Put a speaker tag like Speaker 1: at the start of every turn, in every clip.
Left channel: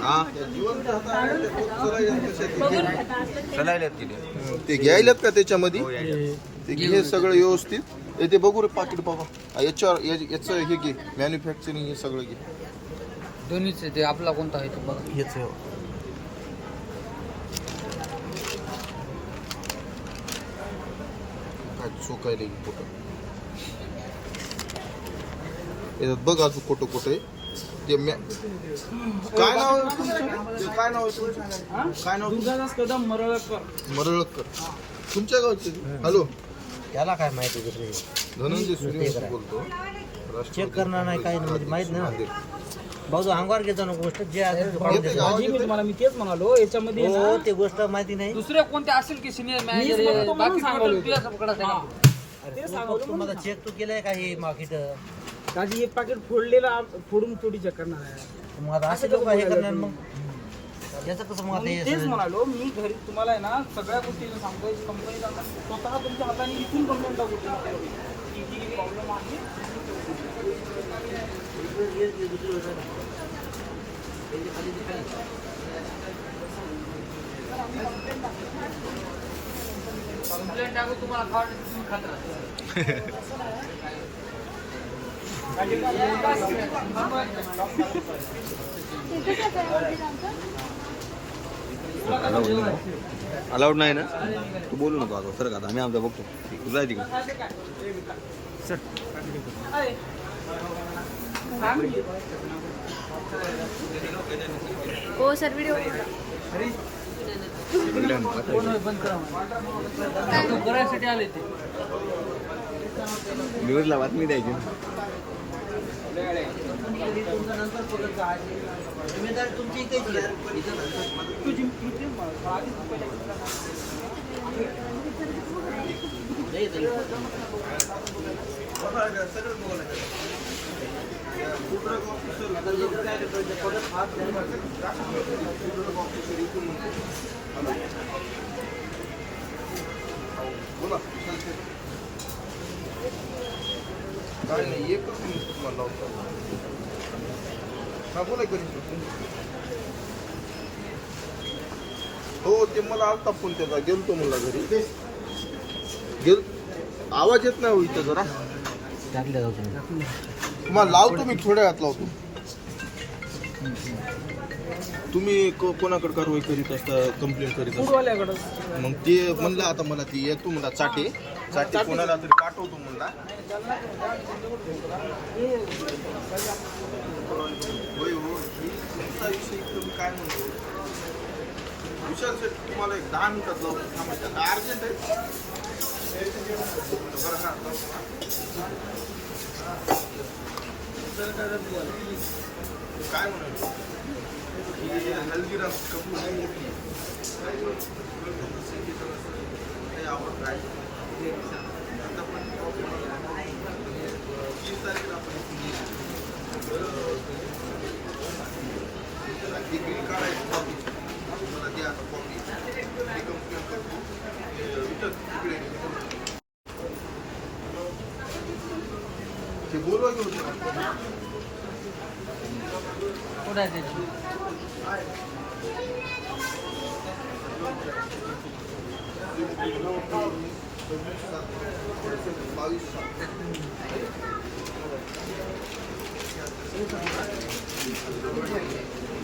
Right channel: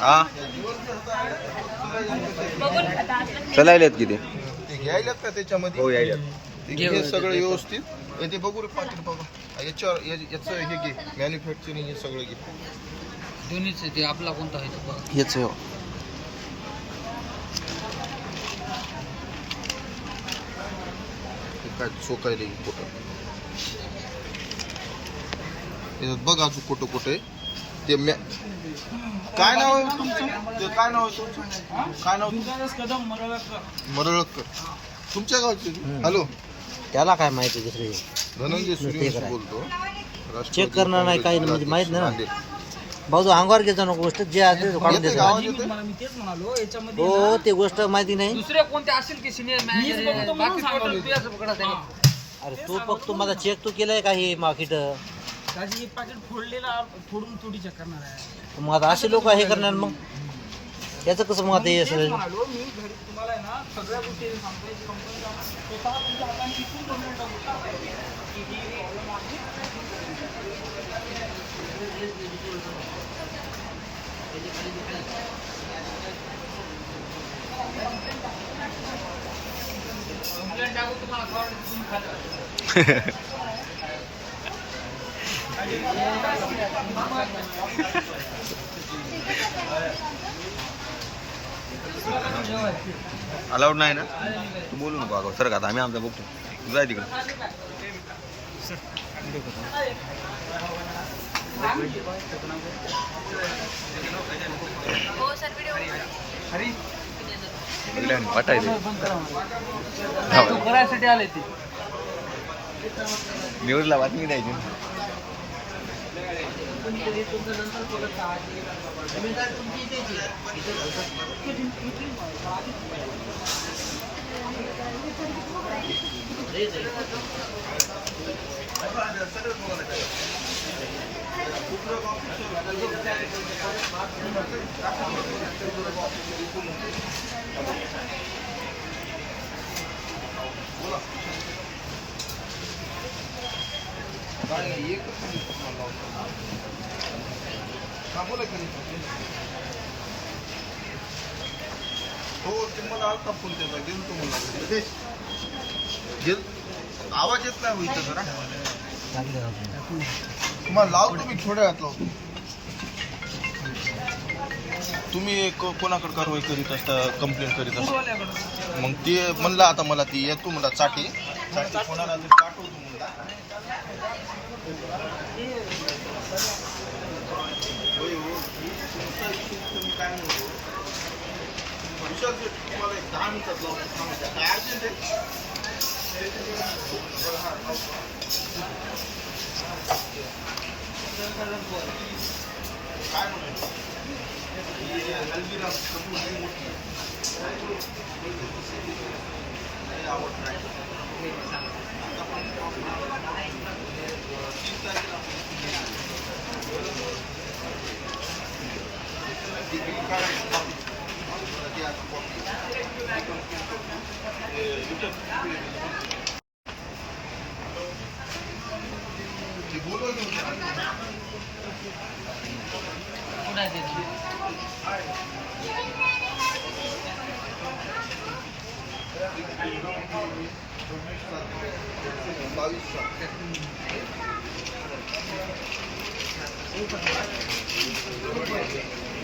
Speaker 1: हा? चलायलेत किती?
Speaker 2: ते घ्यायलात का त्याच्यामध्ये?
Speaker 1: हो
Speaker 2: ते घे सगळं व्यवस्थित. ते बघू रे पाकिट बाबा. याच्यावर या- याचं हे घे. मॅन्युफॅक्चरिंग हे सगळं घे.
Speaker 3: दोन्हीच ते आपला कोणता आहे
Speaker 2: हेच हो. काय चोकायला बघ अजून कुठं कुठं आहे. ते काय नाव आहे तुमचं? ते काय नाव आहे तुमचं? काय नाव तुमचं?
Speaker 3: कदम मरळकर.
Speaker 2: मरळकर. तुमच्या गावचे हॅलो.
Speaker 4: त्याला काय माहिती दुसरी
Speaker 2: धनंजय सूर्यवंशी बोलतो.
Speaker 4: चेक करणार नाही काही म्हणजे माहीत नाही. भाऊ तो अंगावर घेतो ना गोष्ट जे असेल ते काढून
Speaker 2: येते
Speaker 4: द्यायचं.
Speaker 2: गावात येते?
Speaker 3: मला मी तेच म्हणालो याच्यामध्ये
Speaker 4: हो ते गोष्ट माहिती नाही.
Speaker 3: दुसरे कोणते असेल की सिनियर मॅनेजर बाकी तुझ्या
Speaker 4: अरे तो फक्त माझा चेक तो केलाय का हे मार्केट
Speaker 5: काजी हे पाकिट फोडलेला फोडून थोडी चेक करणार आहे.
Speaker 4: मग आता असे लोक हे करणार मग? त्याचं कसं मग आता हे
Speaker 5: तेच
Speaker 4: सगळं?
Speaker 5: म्हणालो मी घरी तुम्हाला आहे ना सगळ्या गोष्टी सांगतोय कंपनी स्वतः तुमच्या हाताने इथून कंप्लेंट टाकू की ही प्रॉब्लेम आहे.
Speaker 3: कंप्लेंट टाकू तुम्हाला खावं तुम्ही खाता
Speaker 1: अलाउड नाही ना? तू बोलू नको अगं सर का आता आम्ही आमचा बघतो. तू जाय तिकडे.
Speaker 6: हो सर व्हिडिओ
Speaker 1: बघल्या वाटायचं
Speaker 3: बंद पोलीस मला. तू करायसाठी आले ते
Speaker 1: न्यूजला बातमी द्यायची ना
Speaker 4: तुमची इथे
Speaker 2: काय नाही एकच मिनिट तुम्हाला लावतो बोला हो ते मला आलता फोन त्याचा गेलतो मला घरी. गेल आवाज येत नाही हो इथं जरा. मग लावतो मी थोड्या वेळात लावतो. तुम्ही कोणाकडे कारवाई करीत असता कंप्लेंट करीत असता? मग ते म्हणलं आता मला ती येतो मला चाटे. चाटे कोणाला तरी पाठवतो म्हणला. होय हो ही तुमचा विषय इथं काय म्हणतो विशाल शेठ तुम्हाला एक दहा मिनिटात लावतो थांबा काय अर्जंट आहे बरं हा लावतो. काय म्हणायचं ही हल्दीराम कपूर ही मोठी आहे. लय आवडतं आहे. आता पण म्हणजे, तीन तारखेला आपण इथे meeting आहे. अं, डिग्री काढायची कॉपी मला द्या आता कॉपी ही कंपनी करतो हे विठ्ठल तिकडे गेले. ते बोलवा घेऊन
Speaker 3: कुठं आहे ते
Speaker 2: बावीस साल
Speaker 5: काय झालं त्याची
Speaker 2: इकडे हे बघा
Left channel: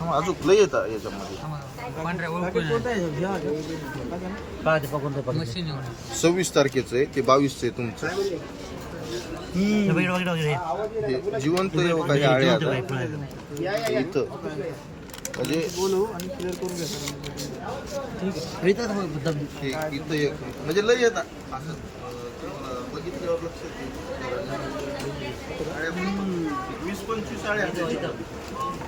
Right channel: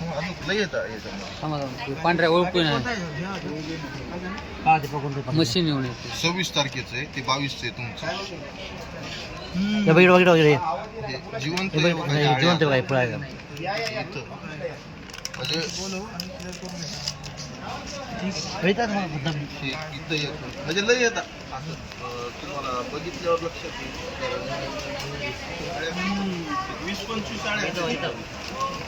Speaker 2: अजून लय येतात याच्यामध्ये.
Speaker 3: पांढऱ्या ओळखून मशीन येऊन
Speaker 2: सव्वीस तारखेचं आहे ते बावीसचं आहे तुमचं.
Speaker 4: वगैरे वगैरे वगैरे
Speaker 2: हे जिवंत आहे हो आळे आता? इथं. म्हणजे. हे इथं एक. म्हणजे लय येतात असं अं, तुम्हाला बघितल्यावर लक्षात येईल जरा. आळ्या एक वीस पंचवीस आळ्या आहेत त्याच्यामध्ये.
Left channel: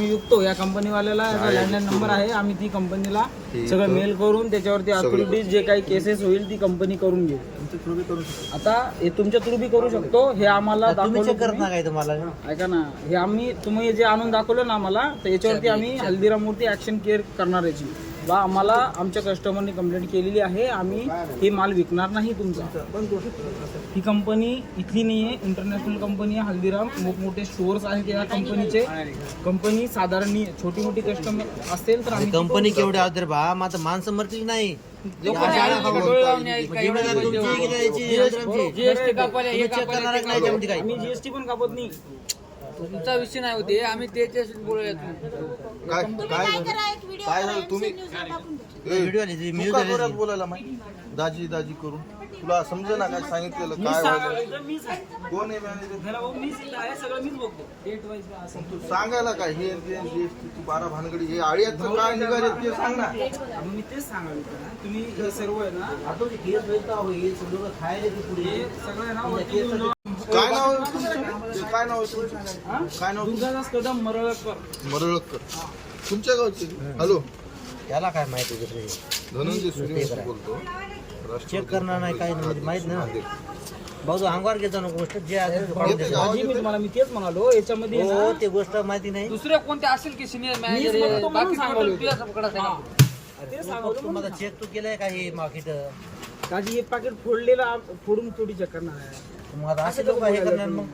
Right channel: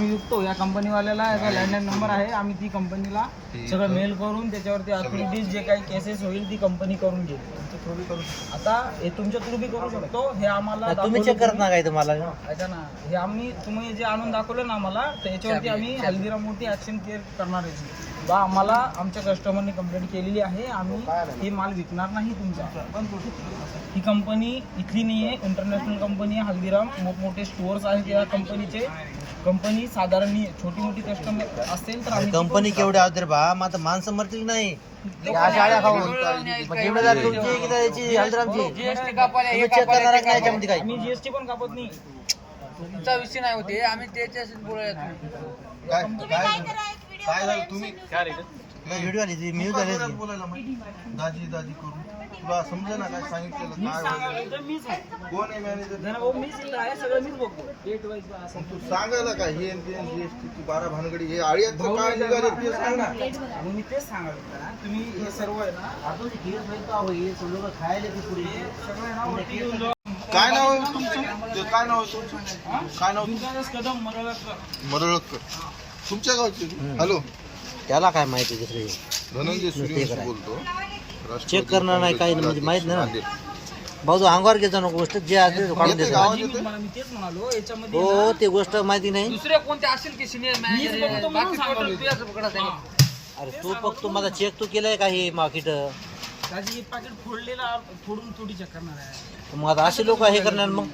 Speaker 3: नाही.
Speaker 5: आम्ही विकतो या कंपनीवाल्याला याचा लँडलाईन नंबर आहे आम्ही ती कंपनीला सगळं मेल करून त्याच्यावरती अथॉरिटीज जे काही केसेस होईल ती कंपनी करून घेईल. आता हे तुमच्या थ्रू बी करू शकतो. हे आम्हाला
Speaker 4: तुम्ही चेक
Speaker 5: दाखवलं
Speaker 4: करत ना काय तुम्हाला
Speaker 5: ऐका ना. हे आम्ही तुम्ही जे आणून दाखवलं ना आम्हाला तर याच्यावरती आम्ही हल्दीरामवरती ऍक्शन केअर करणार याची बा आम्हाला आमच्या कस्टमरनी कंप्लेंट केलेली आहे. आम्ही हे माल विकणार नाही तुमचा. ही कंपनी इथली नाही आहे इंटरनॅशनल कंपनी आहे हल्दीराम. मोठमोठे स्टोअर्स आहेत या कंपनीचे कंपनी साधारण. छोटी मोठी कस्टमर असेल तर
Speaker 4: कंपनी केवढे आहोत रे बा? आता माणसं मरतील नाही.
Speaker 5: जीएसटी पण कापत नाही.
Speaker 3: तुमचा विषय नाही होते आम्ही त्याच्याशी बोलूया
Speaker 2: काय काय झालं? काय झालं? तुम्ही
Speaker 4: व्हिडिओ आली ती
Speaker 2: का
Speaker 4: आली.
Speaker 2: बोलायला मग दाजी दाजी करून. तुला समजा ना काय सांगितलेलं काय
Speaker 5: आहे
Speaker 2: कोण आहे मॅनेजर
Speaker 5: सगळं
Speaker 2: तू सांगायला काय? हे आणि ते आणि GST, तू बारा भानगडी हे आळ्याचं काय निघाले ते सांग ना.
Speaker 5: मग मी तेच तुम्ही हे सर्व आहे ना
Speaker 4: खायला ती पुढे
Speaker 5: हे सगळं आहे ना वरती येऊन जाऊ.
Speaker 2: काय नाव आहे तुमचं? ते काय नाव आहे तुमचं? काय नाव
Speaker 5: कदम मरळकर.
Speaker 2: मरळकर. तुमच्या गावचे? हॅलो.
Speaker 4: त्याला काय माहिती दुसरी
Speaker 2: धनंजय सूर्यवंशी बोलतो. राष्ट्रवादी
Speaker 4: चेक करणार नाही, काही नाही, म्हणजे माहीत नाही. ना.
Speaker 2: नांदेड.
Speaker 4: भाऊ तू अंगावर घ्यायचा ना गोष्ट जे आहे ते काढून
Speaker 5: मी मी तेच म्हणालो याच्यामध्ये
Speaker 4: हो ते गोष्ट माहिती नाही.
Speaker 3: दुसरे कोणते असेल की सिनियर मॅनेजर बाकी. तुझ्याच पकडत आहे
Speaker 4: अरे तो फक्त माझा चेक तो केलाय का हे मार्केट
Speaker 5: माझी एक पाकिट फोडलेला फोडून थोडी चेक करणार आहे.
Speaker 4: मग आता असे लोक हे करणार मग